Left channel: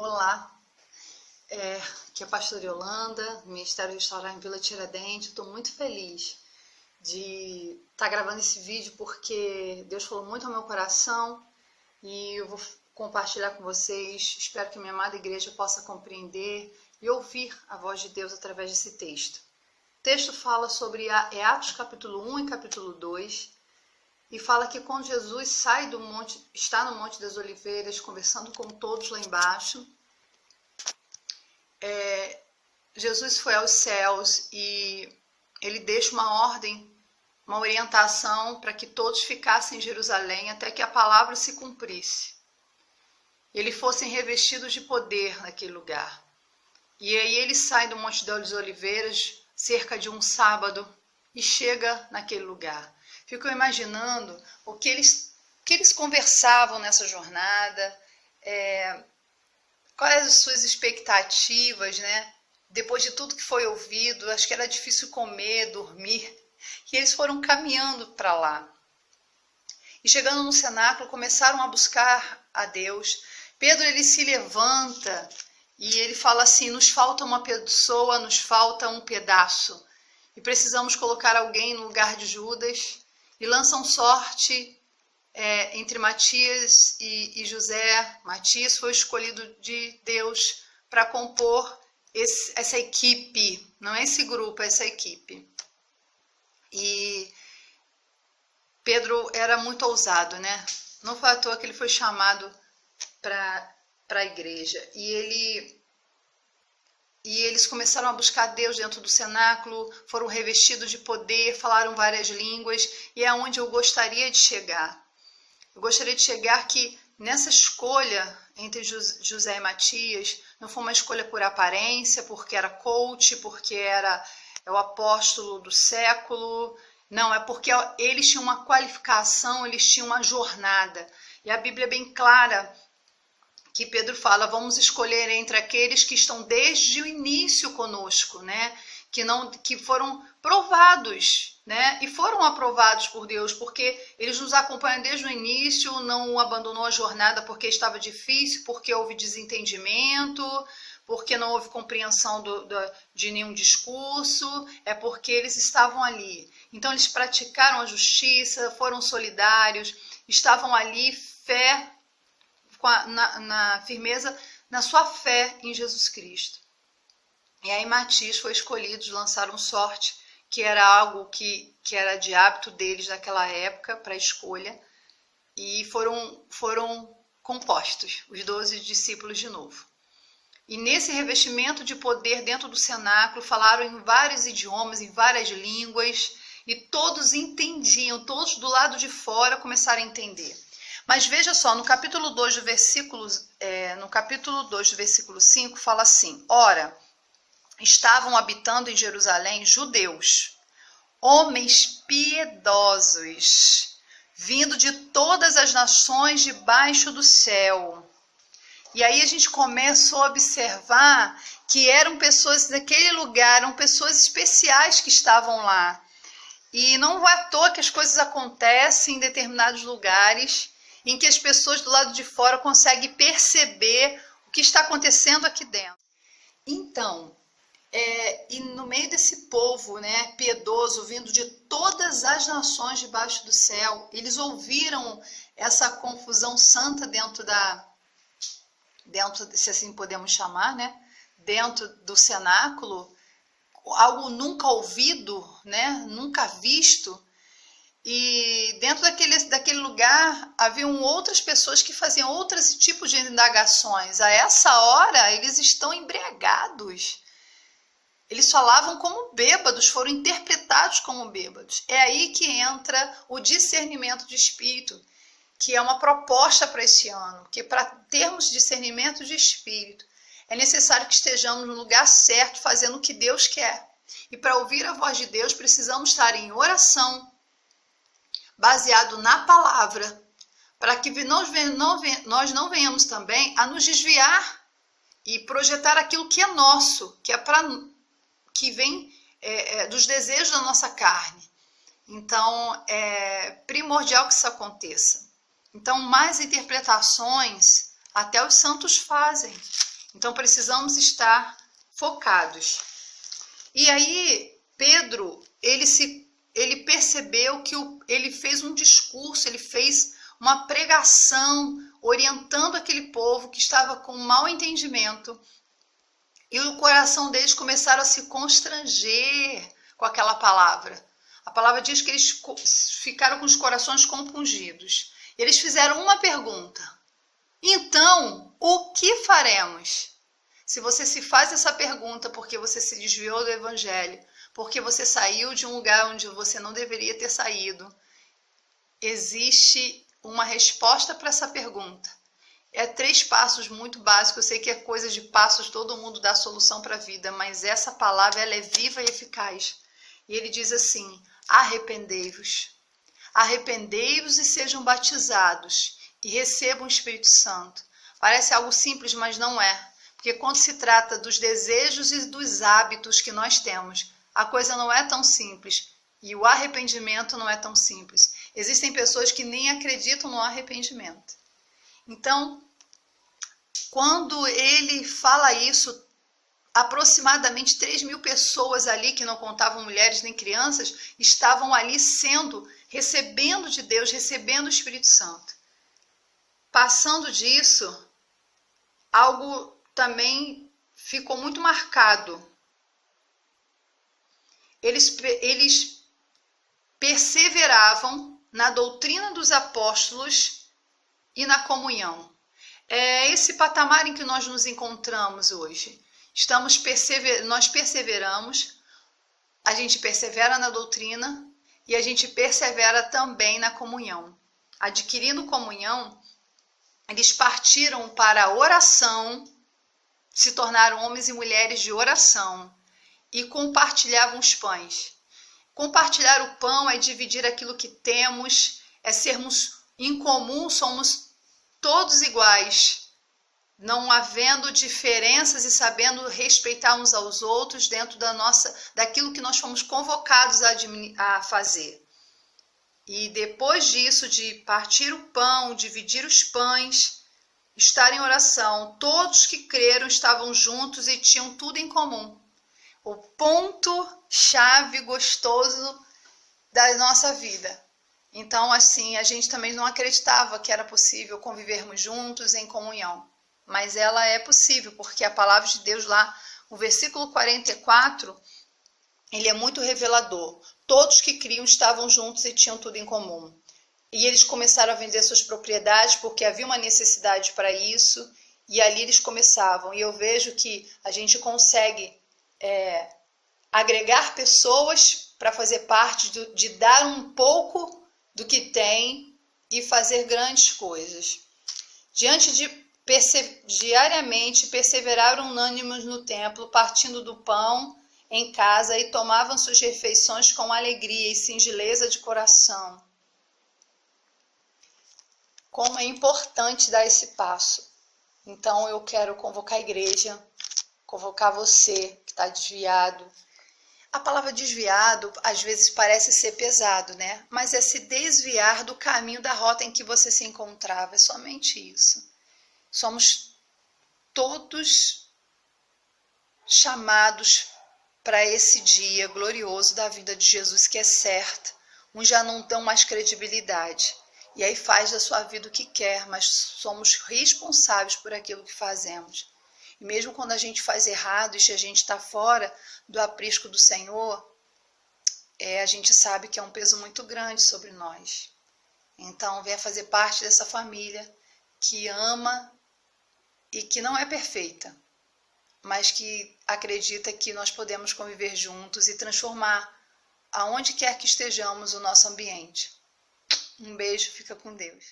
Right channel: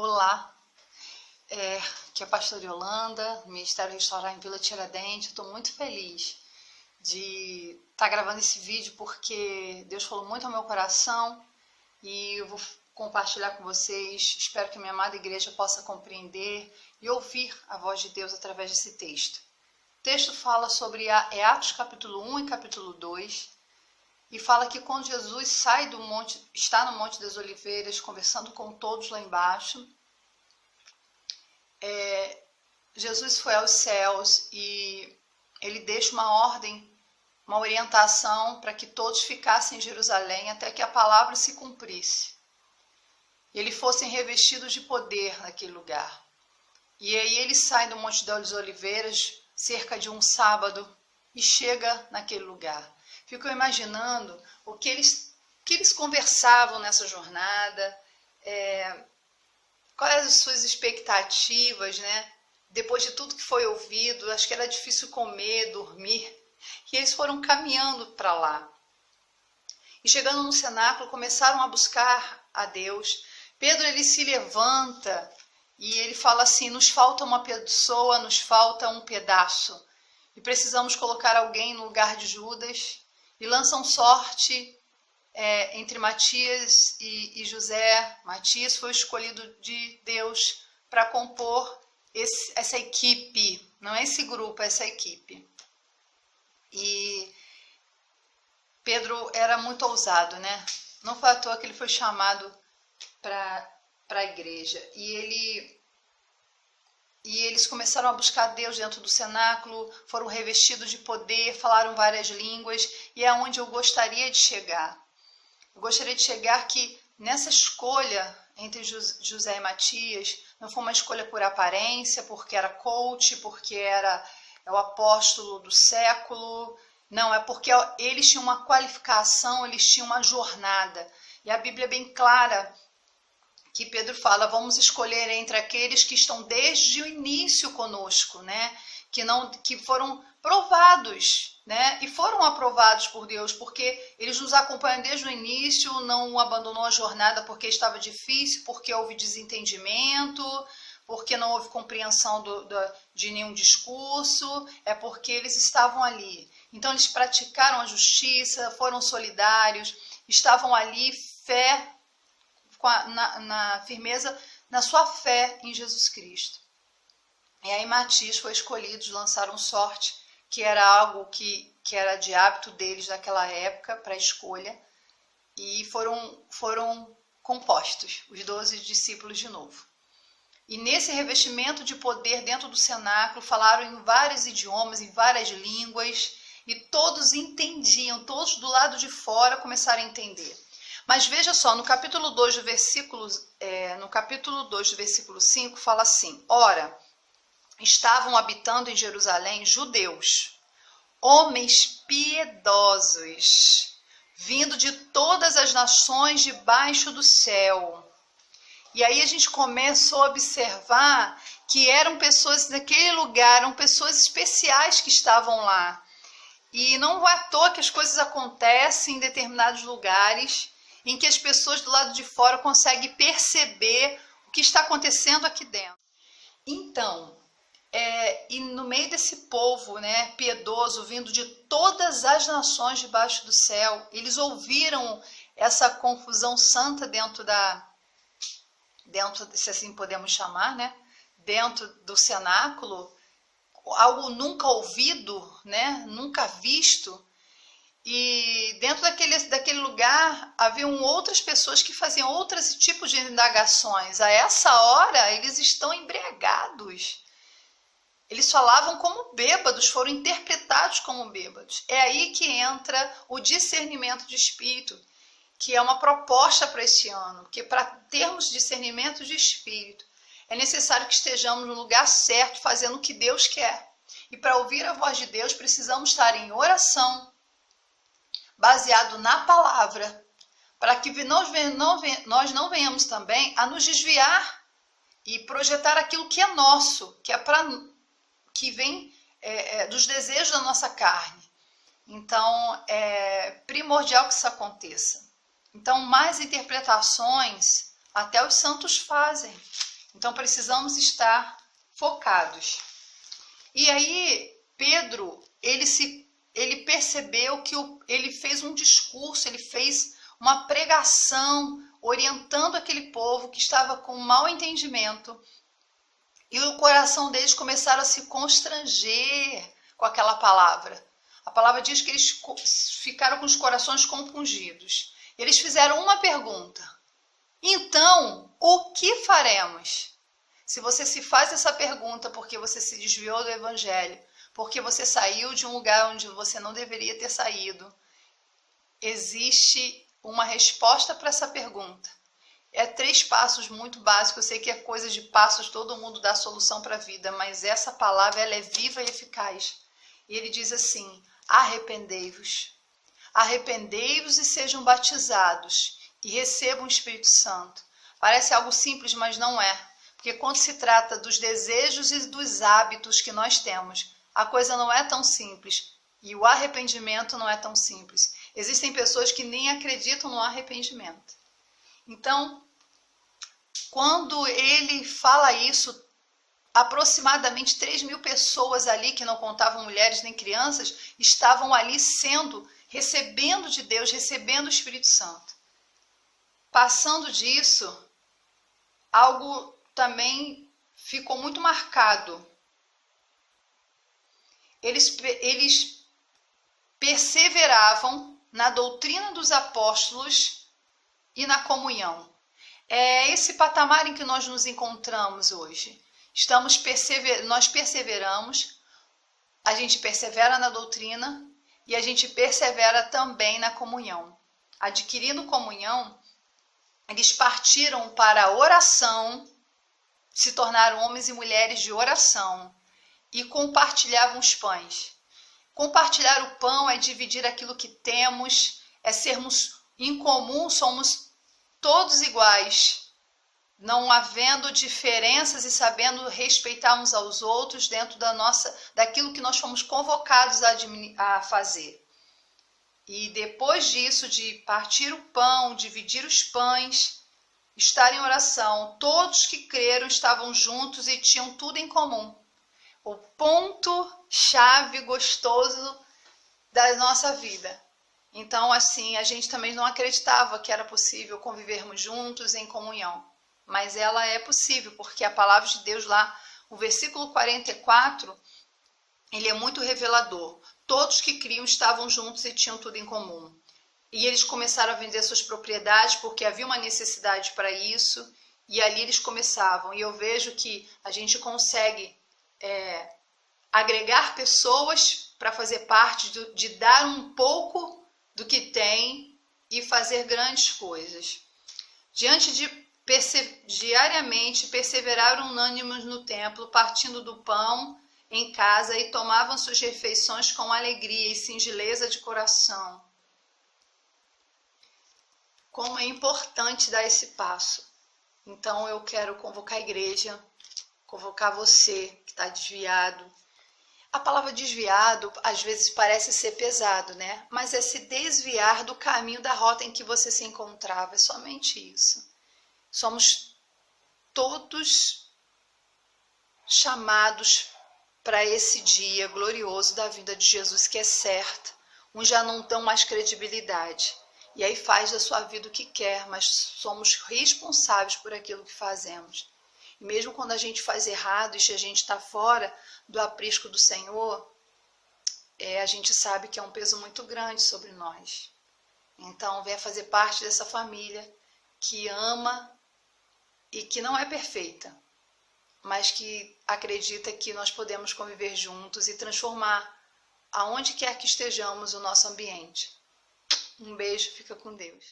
Olá, aqui é a pastora Yolanda, Ministério Restaurar em Vila Tiradentes. Estou muito feliz de estar gravando esse vídeo porque Deus falou muito ao meu coração e eu vou compartilhar com vocês. Espero que a minha amada igreja possa compreender e ouvir a voz de Deus através desse texto. O texto fala sobre Atos capítulo 1 e capítulo 2 e fala que quando Jesus sai do monte, está no Monte das Oliveiras conversando com todos lá embaixo, Jesus foi aos céus e ele deixa uma ordem, uma orientação para que todos ficassem em Jerusalém até que a palavra se cumprisse. Eles fossem revestidos de poder naquele lugar. E aí ele sai do Monte das Oliveiras cerca de um sábado e chega naquele lugar. Fico imaginando o que eles conversavam nessa jornada, quais as suas expectativas, né? Depois de tudo que foi ouvido, acho que era difícil comer, dormir. E eles foram caminhando para lá. E chegando no cenáculo, começaram a buscar a Deus. Pedro, ele se levanta e ele fala assim: nos falta uma pessoa, nos falta um pedaço. E precisamos colocar alguém no lugar de Judas. E lançam sorte entre Matias e José. Matias foi escolhido de Deus para compor essa equipe, não é esse grupo, é essa equipe. E Pedro era muito ousado, né? Não foi à toa que ele foi chamado para a igreja. E eles começaram a buscar Deus dentro do cenáculo, foram revestidos de poder, falaram várias línguas, e é onde eu gostaria de chegar. Eu gostaria de chegar que nessa escolha entre José e Matias, não foi uma escolha por aparência, porque era coach, porque era o apóstolo do século. Não, é porque eles tinham uma qualificação, eles tinham uma jornada. E a Bíblia é bem clara que Pedro fala: vamos escolher entre aqueles que estão desde o início conosco, né? Que foram provados, né? E foram aprovados por Deus, porque eles nos acompanham desde o início, não abandonou a jornada porque estava difícil, porque houve desentendimento, porque não houve compreensão de nenhum discurso, é porque eles estavam ali. Então eles praticaram a justiça, foram solidários, estavam ali, fé, na firmeza, na sua fé em Jesus Cristo. E aí Matias foi escolhido, lançaram sorte, que era algo que era de hábito deles naquela época, para escolha, e foram compostos, os 12 discípulos de novo. E nesse revestimento de poder dentro do cenáculo, falaram em vários idiomas, em várias línguas, e todos entendiam, todos do lado de fora começaram a entender. Mas veja só, no capítulo 2 do versículo 5, fala assim: ora, estavam habitando em Jerusalém judeus, homens piedosos, vindo de todas as nações debaixo do céu. E aí a gente começou a observar que eram pessoas daquele lugar, eram pessoas especiais que estavam lá. E não é à toa que as coisas acontecem em determinados lugares, em que as pessoas do lado de fora conseguem perceber o que está acontecendo aqui dentro. Então, e no meio desse povo, né, piedoso, vindo de todas as nações debaixo do céu, eles ouviram essa confusão santa dentro, se assim podemos chamar, né, dentro do cenáculo, algo nunca ouvido, né, nunca visto. E dentro daquele lugar haviam outras pessoas que faziam outros tipos de indagações. A essa hora eles estão embriagados. Eles falavam como bêbados, foram interpretados como bêbados. É aí que entra o discernimento de espírito, que é uma proposta para esse ano. Porque para termos discernimento de espírito, é necessário que estejamos no lugar certo, fazendo o que Deus quer. E para ouvir a voz de Deus, precisamos estar em oração, baseado na palavra, para que nós não venhamos também a nos desviar e projetar aquilo que é nosso, que vem dos desejos da nossa carne. Então, é primordial que isso aconteça. Então, mais interpretações até os santos fazem. Então precisamos estar focados. E aí Pedro, ele percebeu que ele fez um discurso, ele fez uma pregação orientando aquele povo que estava com mau entendimento. E o coração deles começaram a se constranger com aquela palavra. A palavra diz que eles ficaram com os corações compungidos. Eles fizeram uma pergunta. Então, o que faremos? Se você se faz essa pergunta porque você se desviou do evangelho, porque você saiu de um lugar onde você não deveria ter saído, existe uma resposta para essa pergunta. É 3 passos muito básicos. Eu sei que é coisa de passos, todo mundo dá solução para a vida, mas essa palavra ela é viva e eficaz. E ele diz assim: arrependei-vos. Arrependei-vos e sejam batizados e recebam o Espírito Santo. Parece algo simples, mas não é. Porque quando se trata dos desejos e dos hábitos que nós temos, a coisa não é tão simples. E o arrependimento não é tão simples. Existem pessoas que nem acreditam no arrependimento. Então, quando ele fala isso, aproximadamente 3.000 pessoas ali, que não contavam mulheres nem crianças, estavam ali recebendo de Deus, recebendo o Espírito Santo. Passando disso, algo também ficou muito marcado. Eles perseveravam na doutrina dos apóstolos e na comunhão. É esse patamar em que nós nos encontramos hoje. Nós perseveramos, a gente persevera na doutrina e a gente persevera também na comunhão. Adquirindo comunhão, eles partiram para a oração, se tornaram homens e mulheres de oração e compartilhavam os pães. Compartilhar o pão é dividir aquilo que temos, é sermos em comum, somos todos iguais, não havendo diferenças e sabendo respeitar uns aos outros dentro daquilo que nós fomos convocados a fazer. E depois disso, de partir o pão, dividir os pães, estar em oração, todos que creram estavam juntos e tinham tudo em comum. O ponto-chave gostoso da nossa vida. Então, assim, a gente também não acreditava que era possível convivermos juntos em comunhão. Mas ela é possível, porque a palavra de Deus lá, o versículo 44, ele é muito revelador. Todos que criam estavam juntos e tinham tudo em comum. E eles começaram a vender suas propriedades porque havia uma necessidade para isso. E ali eles começavam. E eu vejo que a gente consegue agregar pessoas para fazer parte de dar um pouco do que tem e fazer grandes coisas. Diariamente perseveraram unânimes no templo, partindo do pão em casa e tomavam suas refeições com alegria e singeleza de coração. Como é importante dar esse passo. Então eu quero convocar a igreja, convocar você que está desviado. A palavra desviado às vezes parece ser pesado, né? Mas é se desviar do caminho da rota em que você se encontrava. É somente isso. Somos todos chamados para esse dia glorioso da vida de Jesus, que é certo. Uns já não dão mais credibilidade. E aí faz da sua vida o que quer, mas somos responsáveis por aquilo que fazemos. E mesmo quando a gente faz errado e a gente está fora do aprisco do Senhor, a gente sabe que é um peso muito grande sobre nós. Então, venha fazer parte dessa família que ama e que não é perfeita, mas que acredita que nós podemos conviver juntos e transformar, aonde quer que estejamos, o nosso ambiente. Um beijo, fica com Deus.